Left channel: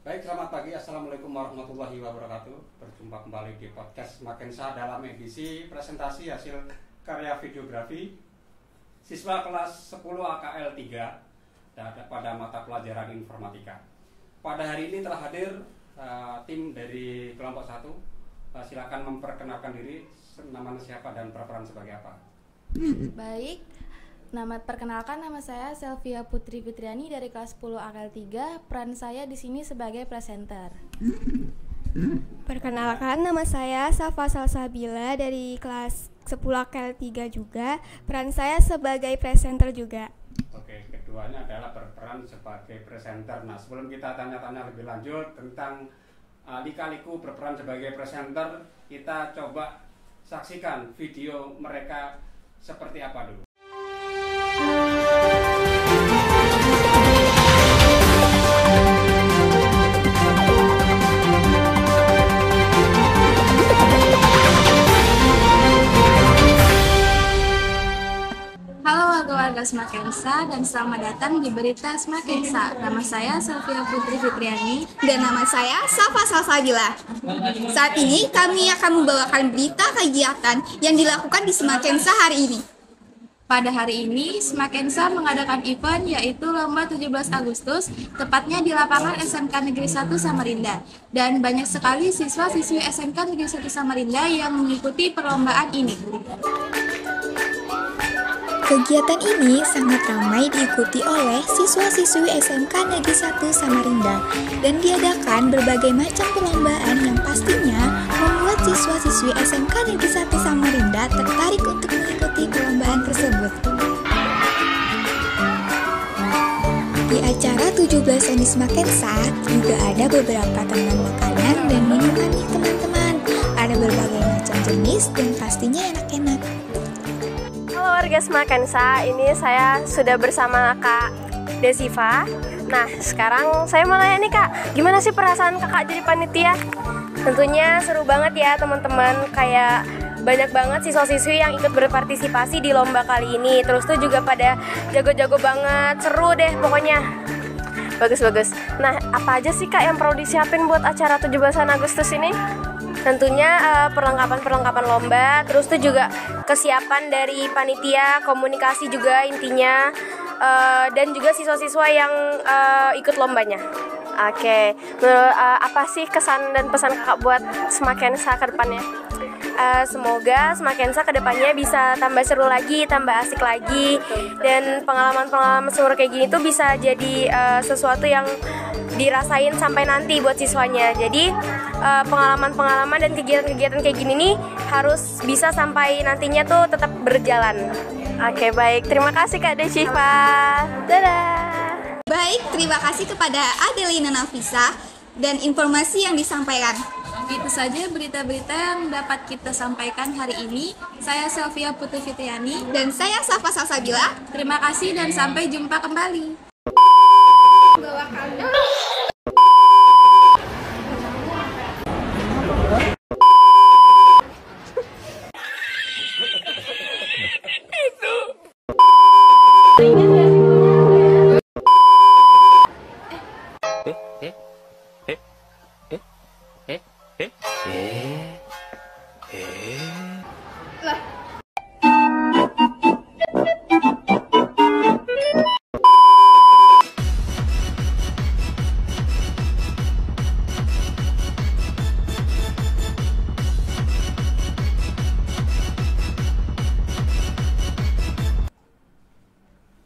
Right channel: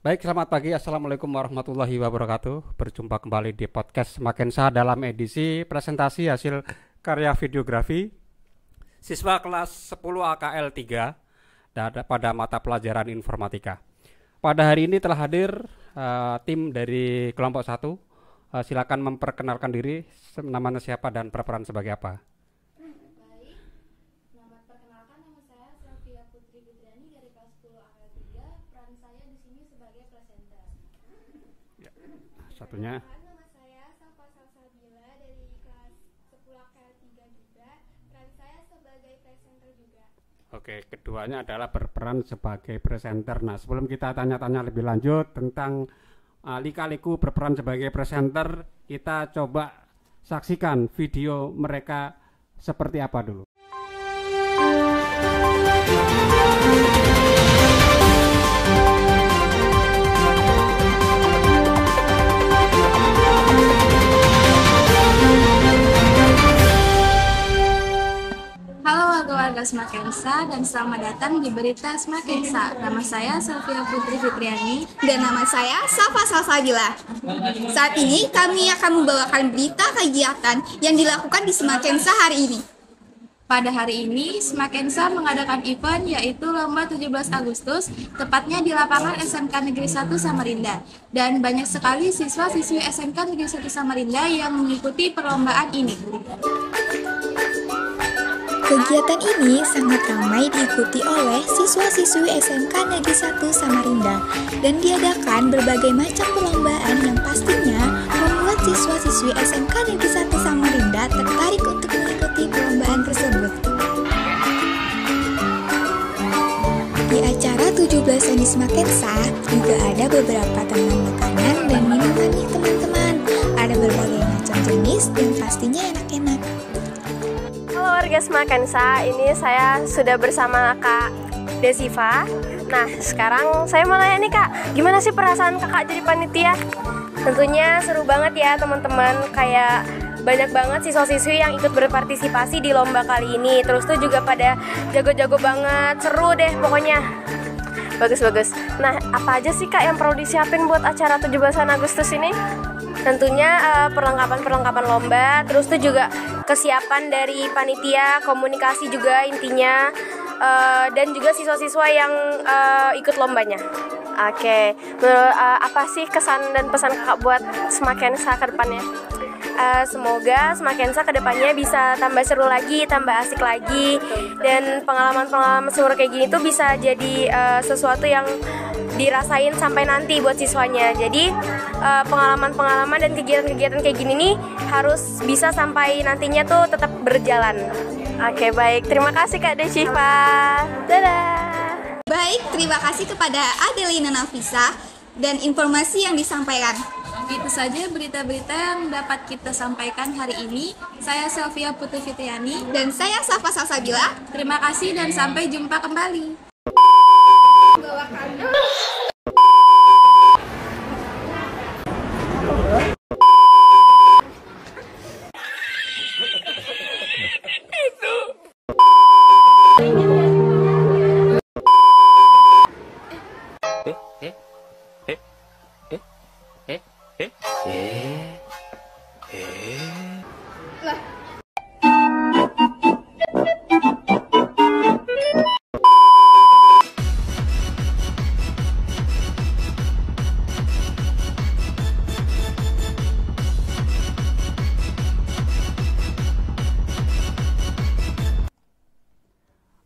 Baik, selamat pagi. Assalamualaikum warahmatullahi wabarakatuh. Berjumpa kembali di podcast Smakensa dalam edisi presentasi hasil karya videografi siswa kelas 10 AKL 3 pada mata pelajaran informatika. Pada hari ini telah hadir tim dari kelompok 1. Silakan memperkenalkan diri, namanya siapa dan berperan sebagai apa. Baik, perkenalkan nama saya Selvia Putri Fitriani dari kelas 10 AKL 3. Peran saya di sini sebagai presenter. Perkenalkan, nama saya Safa Salsabila dari kelas 10 AKL 3 juga. Peran saya sebagai presenter juga. Oke, keduanya adalah berperan sebagai presenter. Nah, sebelum kita tanya-tanya lebih lanjut tentang lika-liku berperan sebagai presenter, kita coba saksikan video mereka seperti apa dulu. Halo warga Smakensa dan selamat datang di berita Smakensa. Nama saya Selvia Putri Fitriani Dan nama saya Safa Salsabila. Saat ini kami akan membawakan berita kegiatan yang dilakukan di Smakensa hari ini. Pada hari ini, Smakensa mengadakan event yaitu Lomba 17 Agustus, tepatnya di lapangan SMK Negeri 1 Samarinda. Dan banyak sekali siswa-siswi SMK Negeri 1 Samarinda yang mengikuti perlombaan ini. Kegiatan ini sangat ramai diikuti oleh siswa-siswi SMK Negeri 1 Samarinda dan diadakan berbagai macam perlombaan yang pastinya membuat siswa-siswi SMK Negeri 1 Samarinda tertarik untuk mengikuti perlombaan tersebut. Di acara 17-an di Smakensa juga ada beberapa teman makanan dan minuman nih teman-teman. Ada berbagai macam jenis dan pastinya enak-enak. Halo warga Smakensa, ini saya sudah bersama Kak Desiva. Nah, sekarang saya mau nanya nih Kak, gimana sih perasaan Kakak jadi panitia? Tentunya seru banget ya teman-teman, kayak banyak banget siswa-siswi yang ikut berpartisipasi di lomba kali ini. Terus tuh juga pada jago-jago banget, seru deh pokoknya. Bagus-bagus. Nah, apa aja sih Kak yang perlu disiapin buat acara 17-an Agustus ini? Tentunya perlengkapan lomba, terus tuh juga kesiapan dari panitia, komunikasi juga intinya, dan juga siswa-siswa yang ikut lombanya. Oke, apa sih kesan dan pesan Kakak buat Smakensa ke depannya? Semoga Smakensa ke depannya bisa tambah seru lagi, tambah asik lagi, dan pengalaman-pengalaman seru kayak gini tuh bisa jadi sesuatu yang dirasain sampai nanti buat siswanya. Jadi pengalaman-pengalaman dan kegiatan-kegiatan kayak gini nih harus bisa sampai nantinya tuh tetap berjalan. Oke, baik. Terima kasih Kak Desiva. Dadah. Baik, terima kasih kepada Adelina Nafisa dan informasi yang disampaikan. Itu saja berita-berita yang dapat kita sampaikan hari ini. Saya Selvia Putri Fitriani. Dan saya Safa Salsabila. Terima kasih dan sampai jumpa kembali.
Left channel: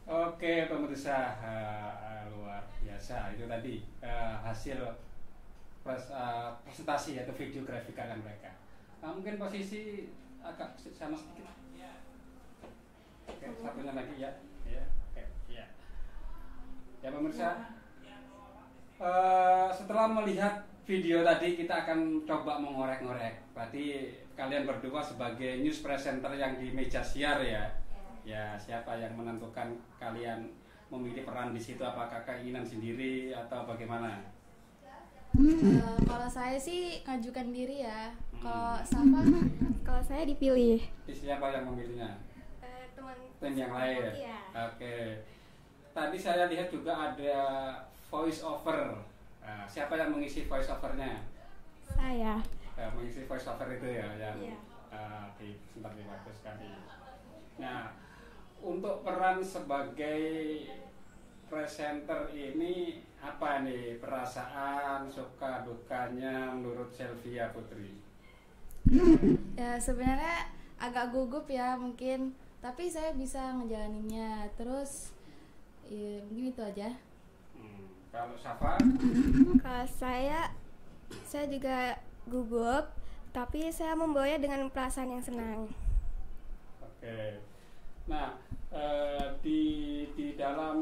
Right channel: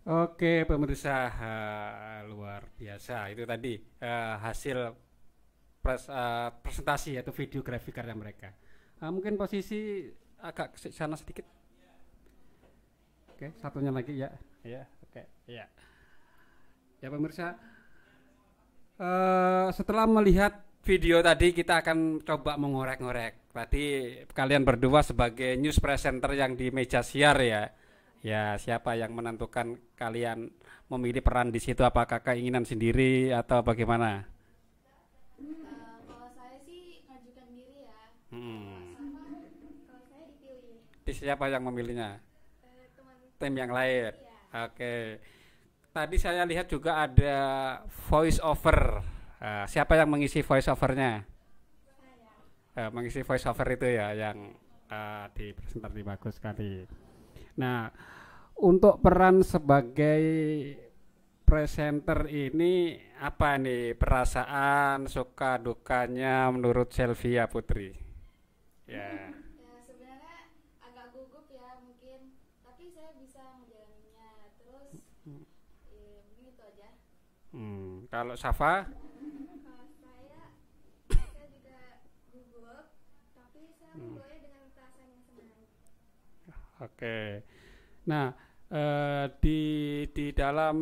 Oke pemirsa, luar biasa itu tadi hasil presentasi atau videografi karya mereka. Mungkin posisi agak ke sana sedikit. Oke, satunya lagi ya. Oke, ya. Ya pemirsa, setelah melihat video tadi kita akan coba mengorek-ngorek. Berarti kalian berdua sebagai news presenter yang di meja siar ya. Ya, siapa yang menentukan kalian memilih peran di situ? Apakah keinginan sendiri atau bagaimana? Kalau saya sih ngajukan diri ya. Kalau Safa, Kalau saya dipilih. Siapa yang memilihnya? Teman Tim yang lain. Iya. Oke. Tadi saya lihat juga ada voice over. Siapa yang mengisi voice overnya? Saya. Mengisi voice over itu ya yang di presenter bagus sekali. Nah, untuk peran sebagai presenter ini apa nih perasaan suka dukanya menurut Selvia Putri? Ya sebenarnya agak gugup ya mungkin, tapi saya bisa ngejalaninnya. Terus ya mungkin itu aja. Kalau Safa? Kalau saya juga gugup, tapi saya membawanya dengan perasaan yang senang. Oke. Nah, di dalam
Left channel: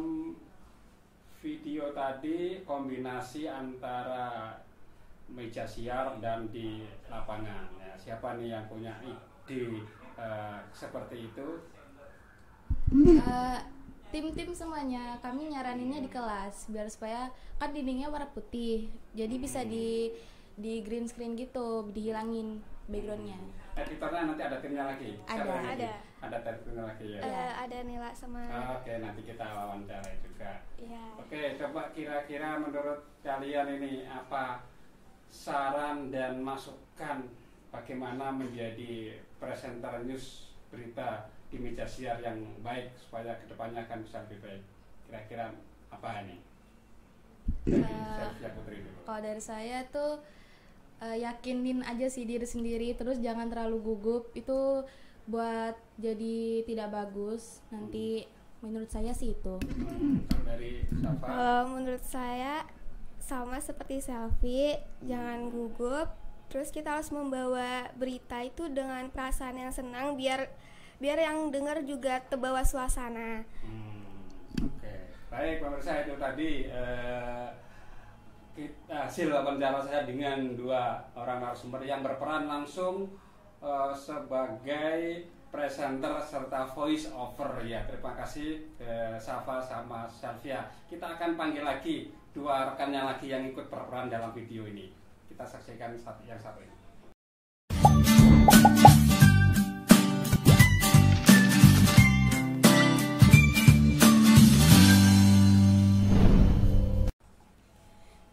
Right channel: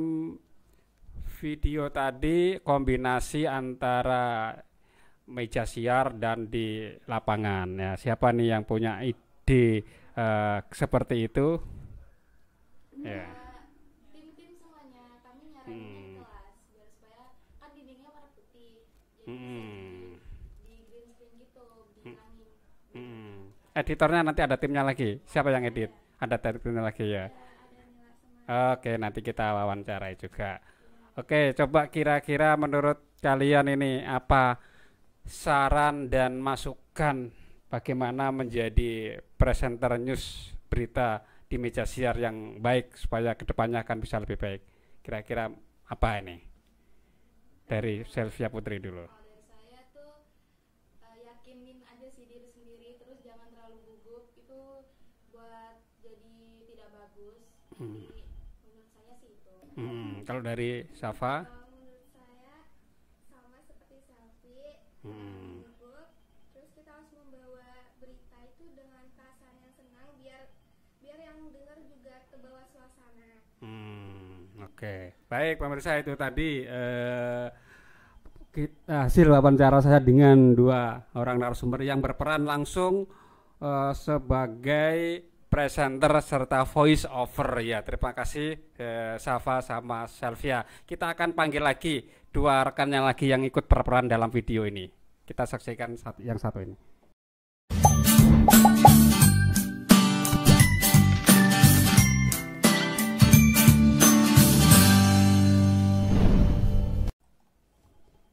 video tadi kombinasi antara meja siar dan di lapangan ya. Siapa nih yang punya ide seperti itu? Tim-tim semuanya, kami nyaraninnya di kelas biar supaya kan dindingnya warna putih, jadi bisa di green screen gitu, dihilangin backgroundnya. Editornya nanti ada timnya lagi. Siapa yang edit? Ada timnya lagi ya. Ada Nila sama. Oke, nanti kita wawancarai juga. Ya. Oke, coba kira-kira menurut kalian ini apa saran dan masukan bagaimana menjadi presenter news berita di meja siar yang baik supaya kedepannya akan bisa lebih baik. Kira-kira apa ini? Dari Selvia Putri dulu. Kalau dari saya tuh yakinin aja sih diri sendiri, terus jangan terlalu gugup, itu buat jadi tidak bagus nanti. Menurut saya sih itu. Kalau dari Safa? Menurut saya sama seperti Selvi, jangan gugup. Terus kita harus membawa berita itu dengan perasaan yang senang biar yang dengar juga terbawa suasana. Oke. Baik pemirsa, itu tadi hasil wawancara saya dengan dua orang narasumber yang berperan langsung sebagai presenter serta voice over ya. Terima kasih Safa sama Selvia. Kita akan panggil lagi dua rekannya lagi yang ikut berperan dalam video ini. Kita saksikan yang satu ini.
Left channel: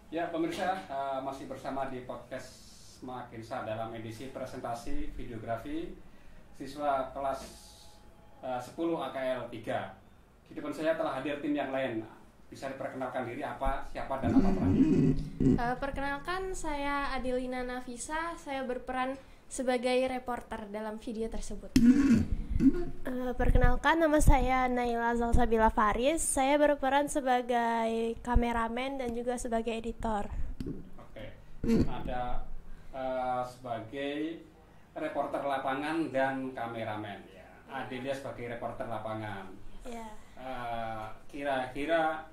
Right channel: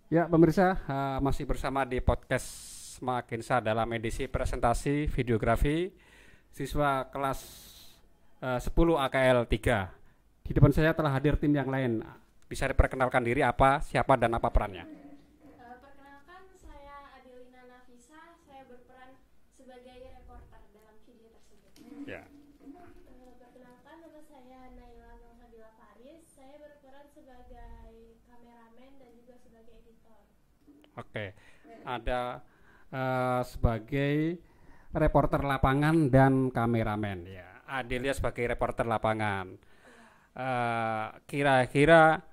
Ya pemirsa, masih bersama di podcast Smakensa dalam edisi presentasi videografi siswa kelas 10 AKL 3. Di depan saya telah hadir tim yang lain. Bisa diperkenalkan diri siapa dan apa perannya? Perkenalkan, saya Adelina Nafisa, saya berperan sebagai reporter dalam video tersebut. Perkenalkan, nama saya Naila Zalsabila Faris, saya berperan sebagai kameramen dan juga sebagai editor. Oke, ada sebagai reporter lapangan dan kameramen ya. Adelia sebagai reporter lapangan. Ya. Kira-kira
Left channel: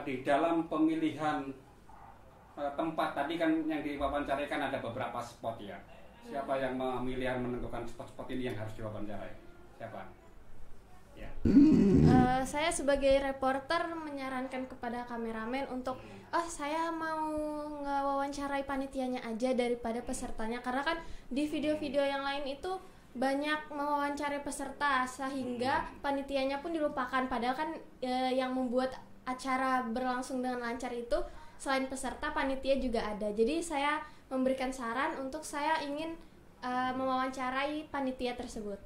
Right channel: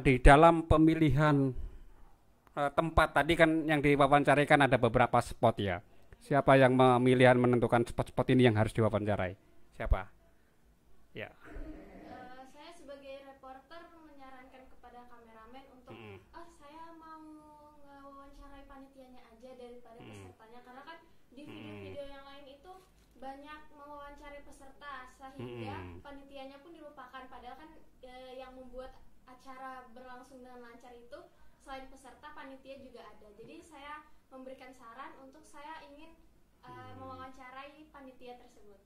di dalam pemilihan tempat tadi kan yang diwawancarai kan ada beberapa spot ya. Siapa yang memilihan menentukan spot-spot ini yang harus diwawancarai? Siapa? Ya. Saya sebagai reporter menyarankan kepada kameramen untuk saya mau ngewawancarai panitianya aja daripada pesertanya, karena kan di video-video yang lain itu banyak mewawancarai peserta sehingga panitianya pun dilupakan, padahal kan yang membuat acara berlangsung dengan lancar itu selain peserta, panitia juga ada. Jadi saya memberikan saran untuk saya ingin mewawancarai panitia tersebut.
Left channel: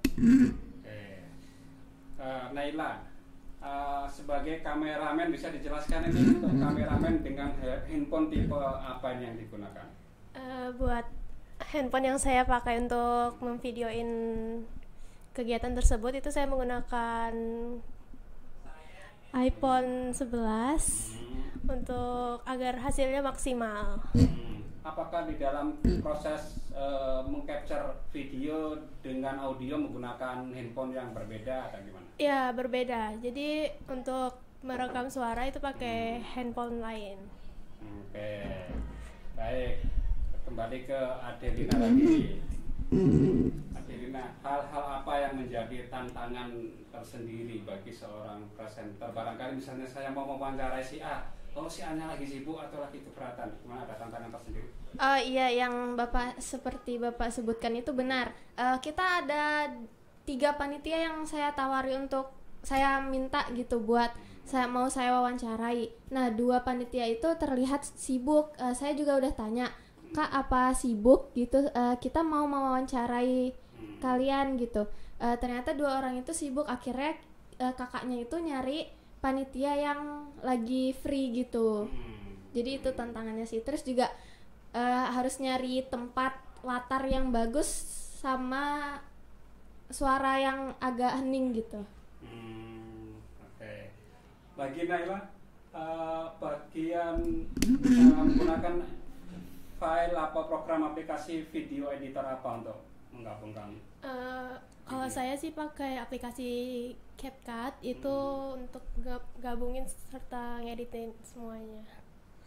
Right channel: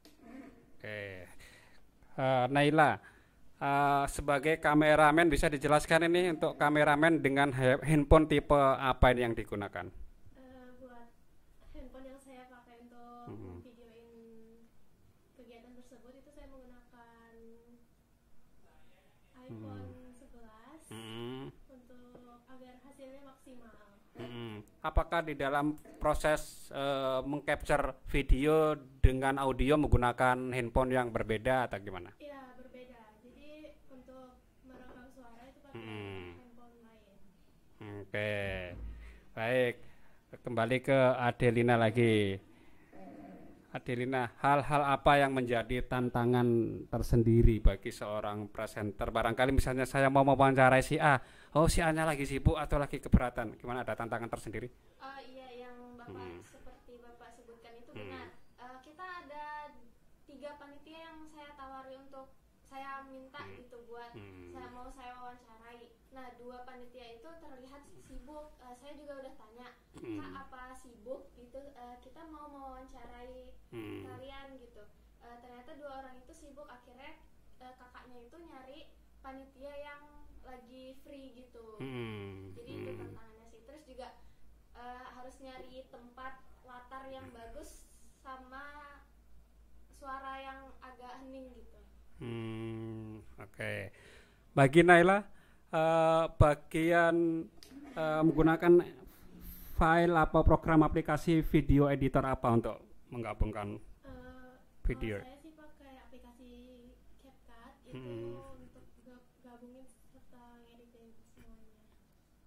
Oke. Naila, sebagai kameramen bisa dijelaskan ini untuk kameramen dengan handphone tipe apa ini yang digunakan? Buat handphone yang saya pakai untuk memvideoin kegiatan tersebut itu saya menggunakan iPhone 11 untuk agar hasilnya maksimal. Apakah di dalam proses mengcapture video dengan audio menggunakan handphone yang berbeda atau gimana? Ya, berbeda. Jadi untuk merekam suara itu pakai handphone lain. Oke. Baik. Kembali ke Adelina lagi. Adelina, hal-hal apa yang menjadi tantangan tersendiri bagi seorang presenter? Barangkali misalnya saya mau mewawancarai si A, si A-nya lagi sibuk atau lagi keberatan, gimana, ada tantangan tersendiri? Iya, yang seperti Bapak sebutkan itu benar. Kita ada 3 panitia yang saya tawari untuk saya minta gitu buat saya wawancarai. Nah, 2 panitia itu terlihat sibuk. Saya juga udah tanya, Kak, apa sibuk gitu? Kita mau mewawancarai kalian gitu. Ternyata 2 orang itu sibuk. Akhirnya kakaknya itu nyari panitia yang lagi free gitu. Jadi itu tantangannya sih. Terus juga harus nyari tempat latar yang bagus sama suara yang agak hening gitu. Oke. Bagi Naila, bagian menggunakan file apa program aplikasi video editor apa untuk menggabungkan kalau saya sih pakai aplikasi CapCut itu untuk gabungin serta ngeditin semuanya.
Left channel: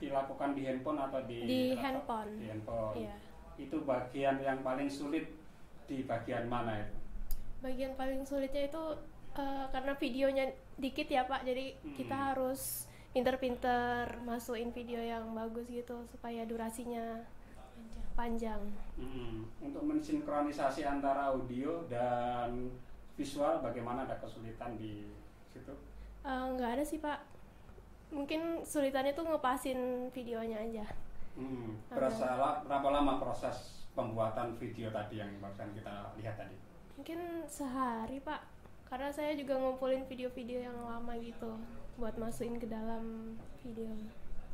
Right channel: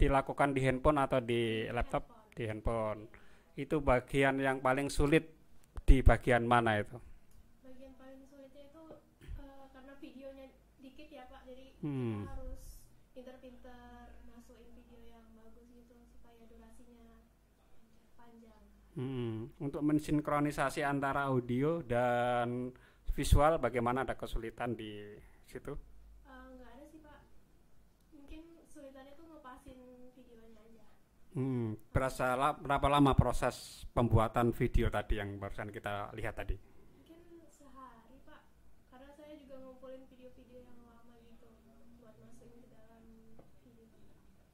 Dilakukan di handphone atau di laptop? Handphone. Di handphone. Iya. Itu bagian yang paling sulit di bagian mana itu? Bagian paling sulitnya itu karena videonya dikit ya Pak, jadi kita harus pinter-pinter masukin video yang bagus gitu supaya durasinya panjang. Untuk mensinkronisasi antara audio dan visual, bagaimana, ada kesulitan di situ? Nggak ada sih Pak, mungkin sulitannya tuh ngepasin videonya aja. Berapa lama proses pembuatan video tadi yang barusan kita lihat tadi? Mungkin sehari Pak, karena saya juga ngumpulin video-video yang lama gitu buat masukin ke dalam video.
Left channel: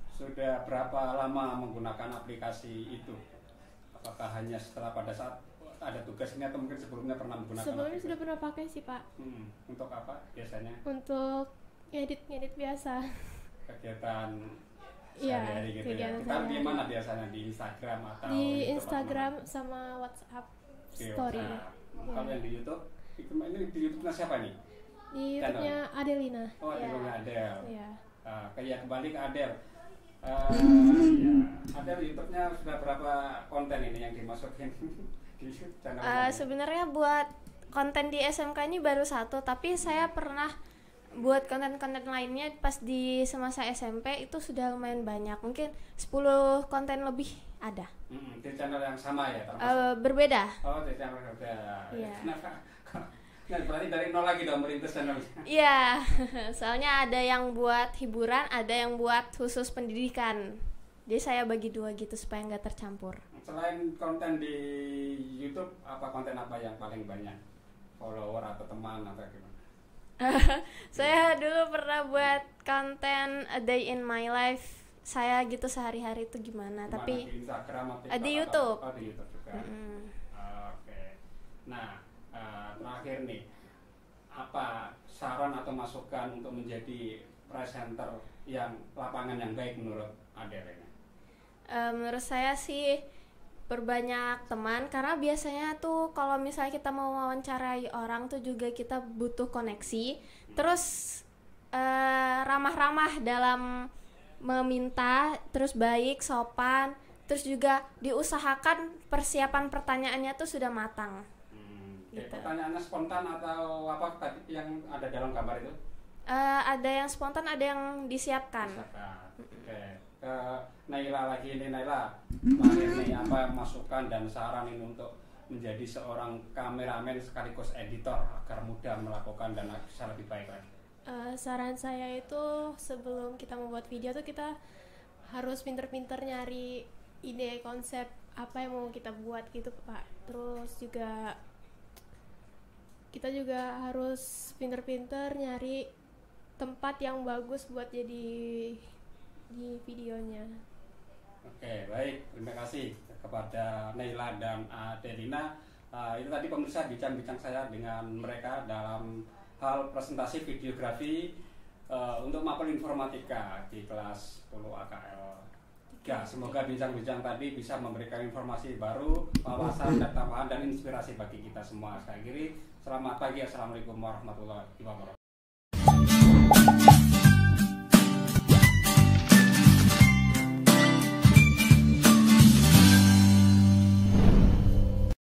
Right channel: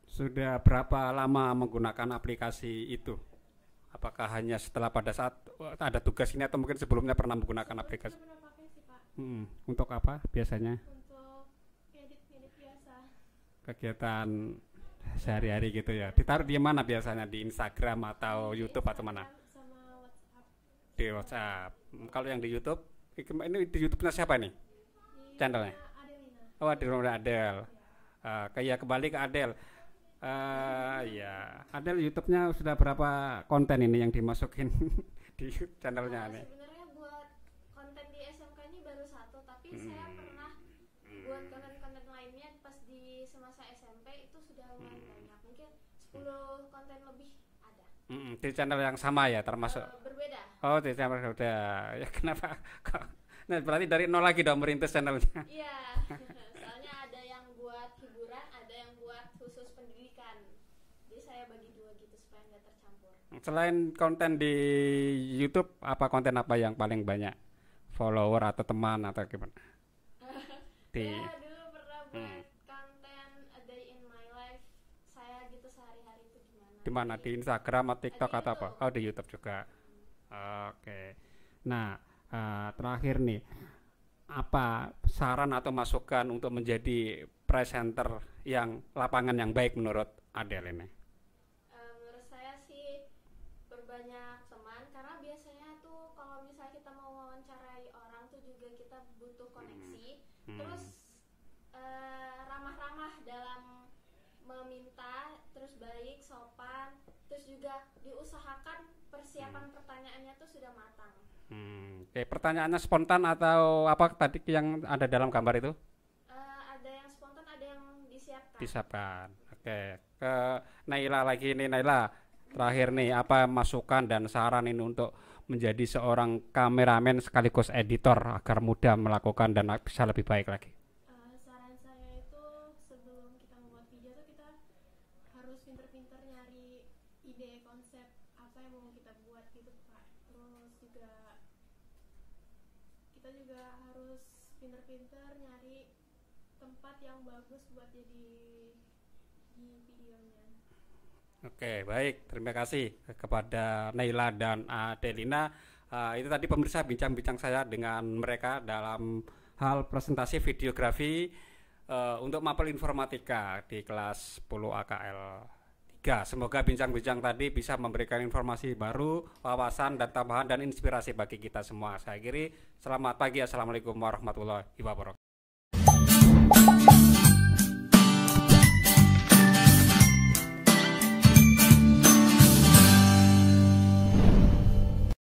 Sudah berapa lama menggunakan aplikasi itu? Apakah hanya setelah pada saat ada tugas ini atau mungkin sebelumnya pernah menggunakan aplikasi? Sebelumnya sudah pernah pakai sih Pak. Untuk apa biasanya? Untuk ngedit biasa. Kegiatan sehari-hari gitu ya. kegiatan Ditaruh di mana biasanya? Di Instagram atau di YouTube atau Instagram mana? sama WhatsApp Di story. WhatsApp. Kalau yang di YouTube, ini di YouTube-nya siapa nih? Di Channelnya? YouTube-nya Adelina. Oh, di rumah Adel. Iya. Kayak kembali ke Adel. Ya, Adel, YouTube-nya sudah berapa konten ini yang dimasukin di channelnya? Sebenarnya buat konten di SMK ini baru 1, tapi saya pernah buat konten-konten lainnya pas di semasa SMP itu sudah lumayan banyak, mungkin 10 konten lebih ada. Di channel yang sama ya termasuk? Berbeda. Oh, di channel berbeda. Ya, Iya. kenapa? Nah, berarti dari nol lagi dong merintis channelnya. Iya, soalnya ada yang buat hiburan, ada yang buat khusus pendidikan. Jadi saya bagi 2 gitu supaya nggak tercampur. Selain konten di YouTube, apa konten apa yang paling banyak follower atau teman atau gimana? Saya dulu pernah buat konten A Day in My Life. Saya gitu sehari-hari itu gimana? Di mana? Tapi Di Instagram atau TikTok di atau YouTube. apa? Oh, di YouTube juga. Oke. Nah, terakhir nih, apa saran atau masukan untuk menjadi presenter yang lapangan yang baik menurut Adel ini? menurut saya sih perbanyak teman, karena biasanya tuh kalau misalnya kita mau wawancarai orang tuh juga kita butuh koneksi. Terus ramah-ramah dalam meminta, terus baik, sopan, terus juga diusahakan persiapan pertanyaannya tuh sudah matang. Kayak pertanyaannya spontan atau apa tadi yang ada dalam gambar itu? Ada yang spontan, ada yang disiapkan. Oke. Ke Naila lagi nih, Naila. Terakhir nih, apa masukan dan saran ini untuk menjadi seorang kameramen sekaligus editor agar mudah melakukan dan bisa lebih baik lagi? Saran saya itu sebelum kita membuat video tuh kita harus pinter-pinter nyari ide konsep apa yang mau kita buat gitu Pak. Terus juga kita juga harus pinter-pinter nyari tempat yang bagus buat jadi di videonya. Oke, baik. Terima kasih kepada Naila dan Adelina. Itu tadi pemirsa bincang-bincang saya dengan mereka dalam hal presentasi videografi untuk mapel informatika di kelas 10 AKL 3. Semoga bincang-bincang tadi bisa memberikan informasi baru, wawasan dan tambahan dan inspirasi bagi kita semua. Saya akhiri, selamat pagi, assalamualaikum warahmatullahi wabarakatuh.